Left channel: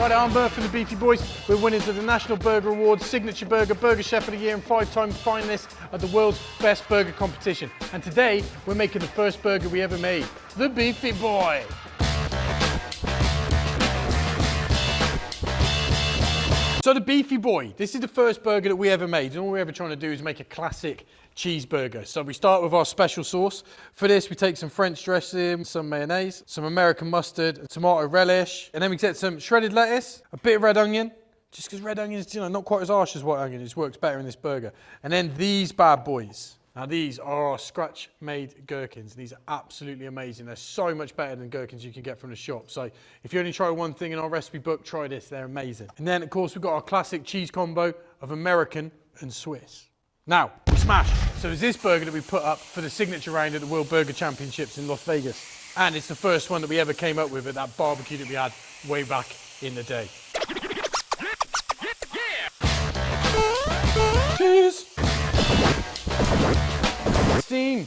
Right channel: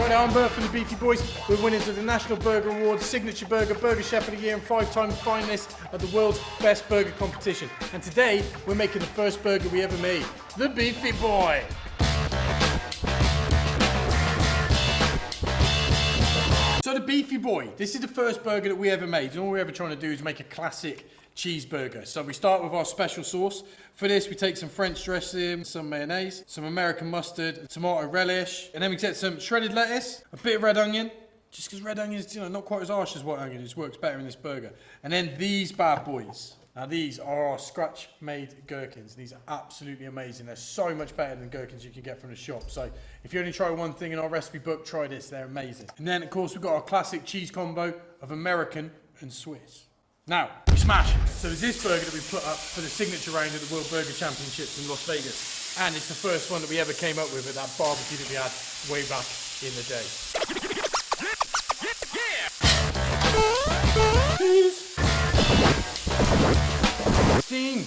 Right, I'm Bert from the Beefy Boys. We're winners of the National Burger Awards, Signature Burger, Burger Chef of the Year and 5-time finalists at the world's best burger competition. And today, we're making the first burger we ever made, the Beefy Boy. So the Beefy Boy, this is the first burger that we ever made. And all we're ever trying to do is make a classic cheeseburger. So we start with our special sauce. For this, we take some French dressing, some mayonnaise, some American mustard, a tomato relish, and then we get some shredded lettuce, a bit of red onion, just because red onion is, not quite as harsh as white onion, it just works better in this burger. And then these bad boys. Now these are our scratch-made gherkins. These are absolutely amazing. They're so much better than gherkins you can get from the shop. So if you only try one thing in our recipe book, try this. They're amazing. And then, of course, we've got our classic cheese combo of American and Swiss. Now, we smash. So there's this burger that we put up for the signature round at the World Burger Championships in Las Vegas. And it's the first one that we ever came up with at that barbecue that we had way back in the day. Cheers. Steam.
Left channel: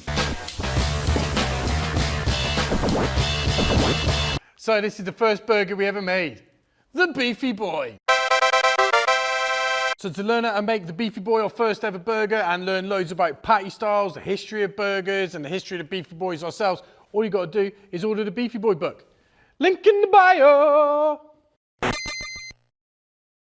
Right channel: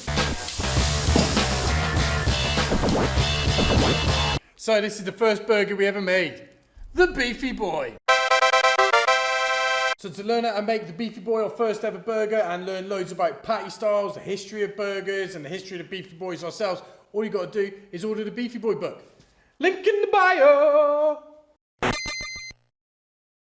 So this is the first burger we ever made, the Beefy Boy. So to learn how to make the Beefy Boy, our first ever burger, and learn loads about patty styles, the history of burgers, and the history of the Beefy Boys ourselves, all you got to do is order the Beefy Boy book. Link in the bio.